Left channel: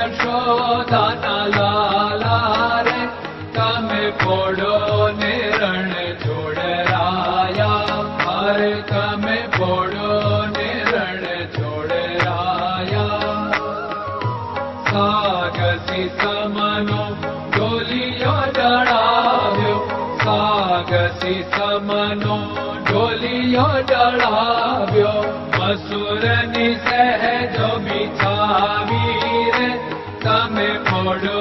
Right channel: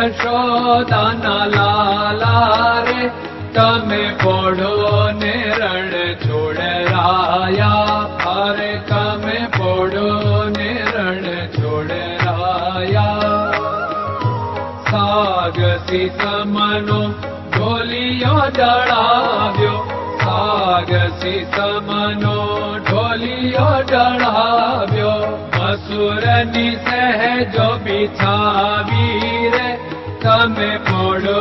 યશોદાના લાલા રે તમે પોડો ને રણ છોડરાયા. અરે તમે પોડો ને રણ છોડરાયા. સાગસી સમનો ઢોલિયો ડળાવ્યો, સાગસી સમનો ઢોલિયો ડળાવ્યો. અસુરની સહેજો બિછાવી રે તમે પોડો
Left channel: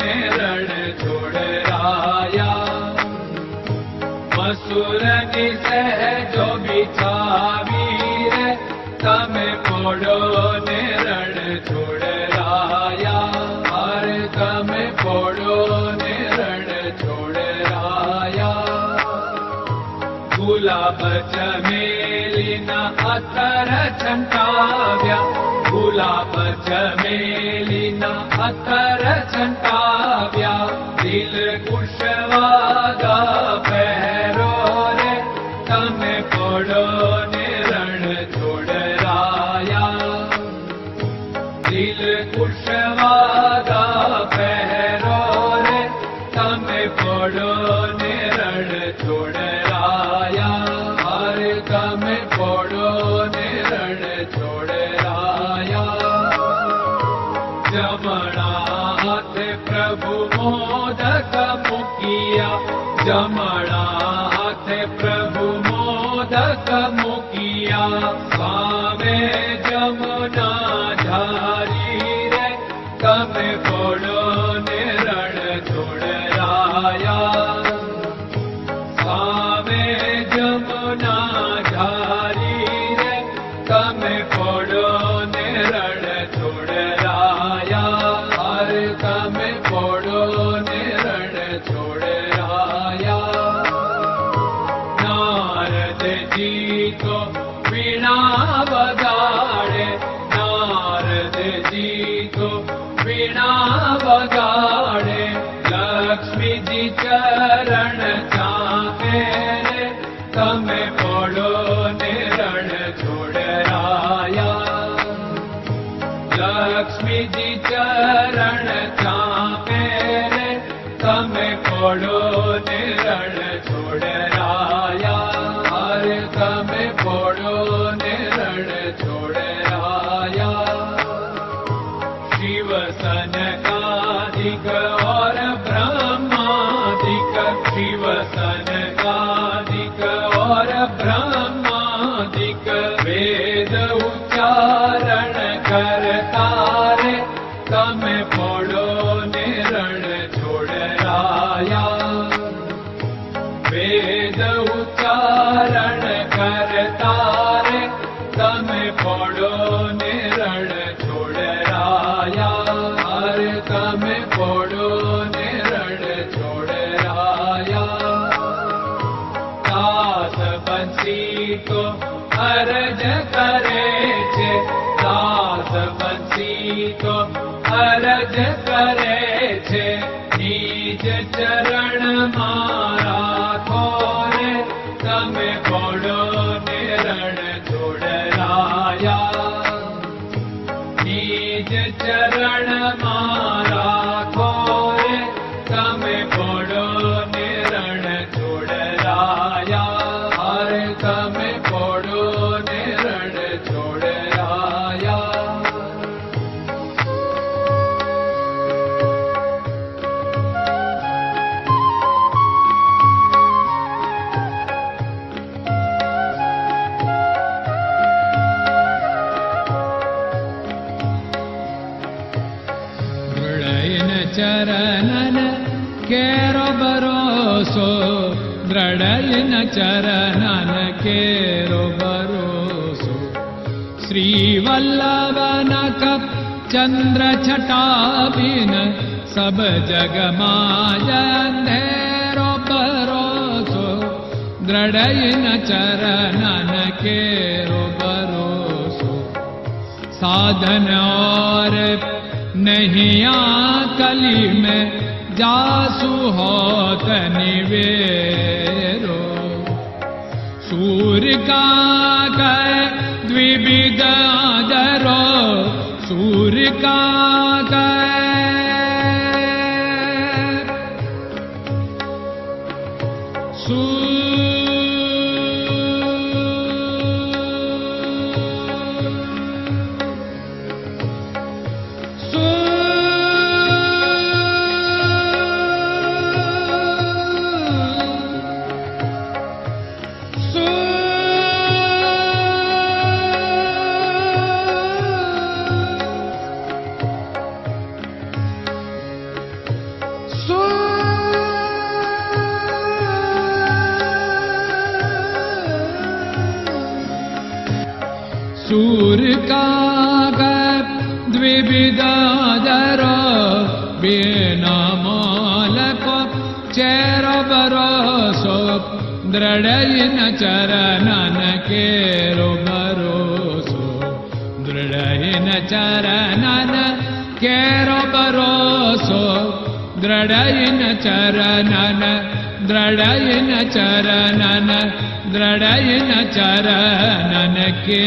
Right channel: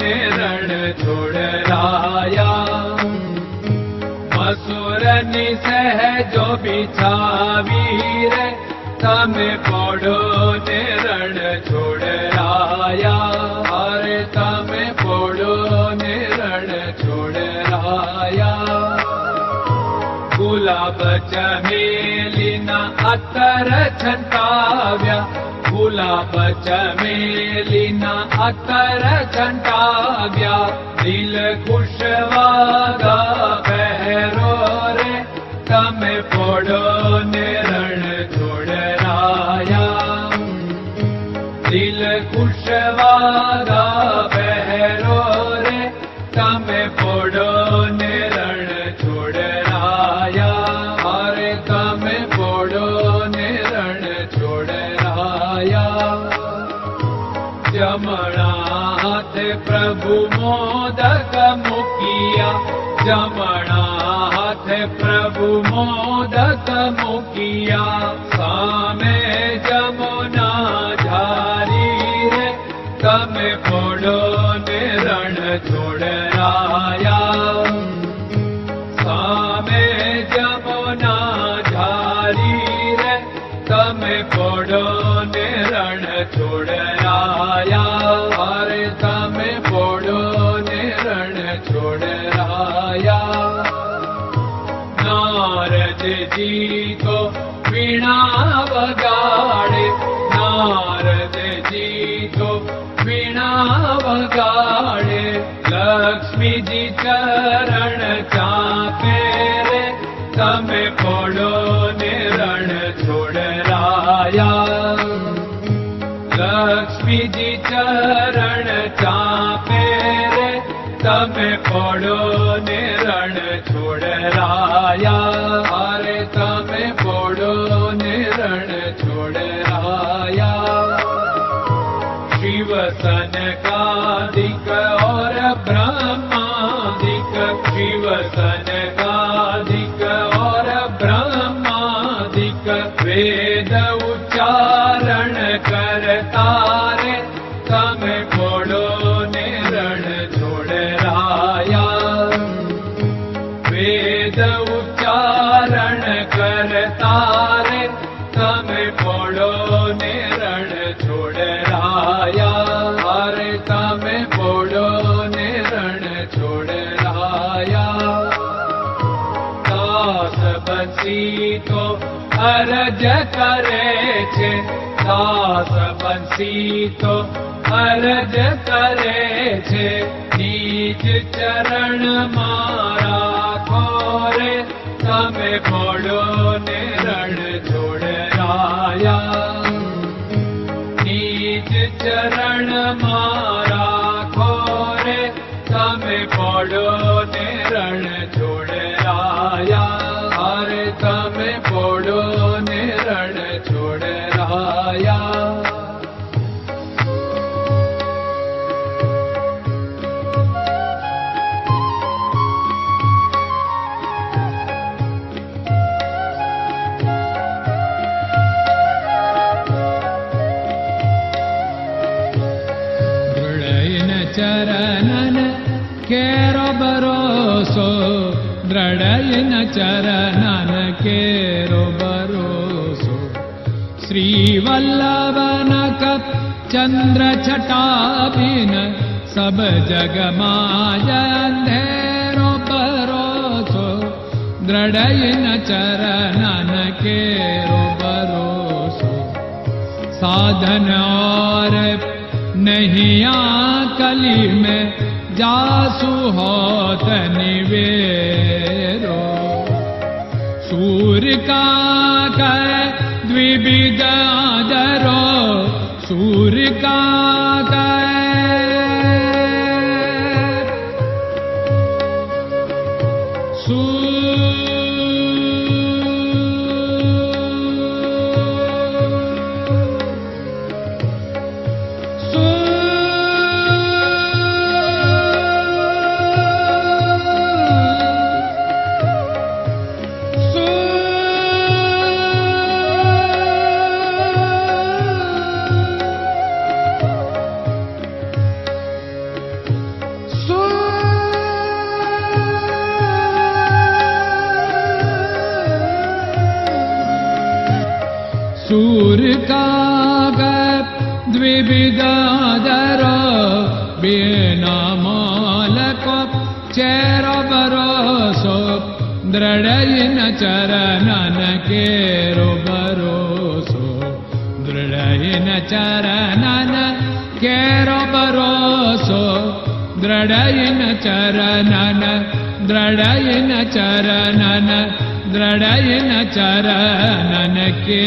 ને રણ છોડરાયા. અસુરની સહેજો બિછાવી રે તમે પોડો ને રણ છોડરાયા. અરે તમે પોડો ને રણ છોડરાયા. ગુલાબ ચમેલીના અત્તર છંટાવ્યા, ગુલાબ ચમેલીના અત્તર છંટાવ્યા. દિલ કુશવાદા પહેરો રે તમે પોડો ને રણ છોડરાયા. દિલ કુશવાદા પહેરો રે તમે પોડો ને રણ છોડરાયા. અરે તમે પોડો ને રણ છોડરાયા. જમણા હાથે પ્રભુ મોદક મૂકિયા, જમણા હાથે પ્રભુ મોદક મૂકિયા. સામે જમુના ઝારી રે તમે પોડો ને રણ છોડરાયા. સામે જમુના ઝારી રે તમે પોડો ને રણ છોડરાયા. અરે તમે પોડો ને રણ છોડરાયા. નારદજી તો વીણા વગાડે, નારદજી તો વીણા વગાડે. લક્ષ્મીજી ચરણ ચાકે રે તમે પોડો ને રણ છોડરાયા. લક્ષ્મીજી ચરણ ચાપે રે તમે પોડો ને રણ છોડરાયા. અરે તમે પોડો ને રણ છોડરાયા. શિવ સનકાદિક और ब्रह्मादिक, शिव सनकादिक और ब्रह्मादिक. वेद उच्चारण करता रे તમે પોડો ને રણ છોડરાયા. વેદ ઉચ્ચારણ કરતા રે તમે પોડો ને રણ છોડરાયા. અરે તમે પોડો ને રણ છોડરાયા. દાસ બંસી તો અરજ કરે છે, દાસ બંસી તો અરજ કરે છે. નીજ ચરણ મારા ખોરે તમે પોડો ને રણ છોડરાયા. નીજ ચરણ મારા ખોરે તમે પોડો ને રણ છોડરાયા. અરે તમે પોડો ને રણ છોડરાયા. ચરણન કેરો ભરોસો, દ્રઢયન ચરણન કેરો ભરોસો. શ્રી વલ્લભન કપ ચંદ્ર છટાબિન સબ જગમાં અંધેરો ભરોસો. દ્રઢયન ચરણન કેરો ભરોસો. साधन और नहीं कली में जासु होत निवेरो। सूर्य का कह द्विविध आदरो सूर्य का सूर्य का द्विविदाधर बिना मालको चेर भरोसो दृढ़ चरणन केरो भरोसो दृढ़ चरणन केरो भरोसो दृढ़ चरणन दृढ़ चरणन दृढ़ चरणन के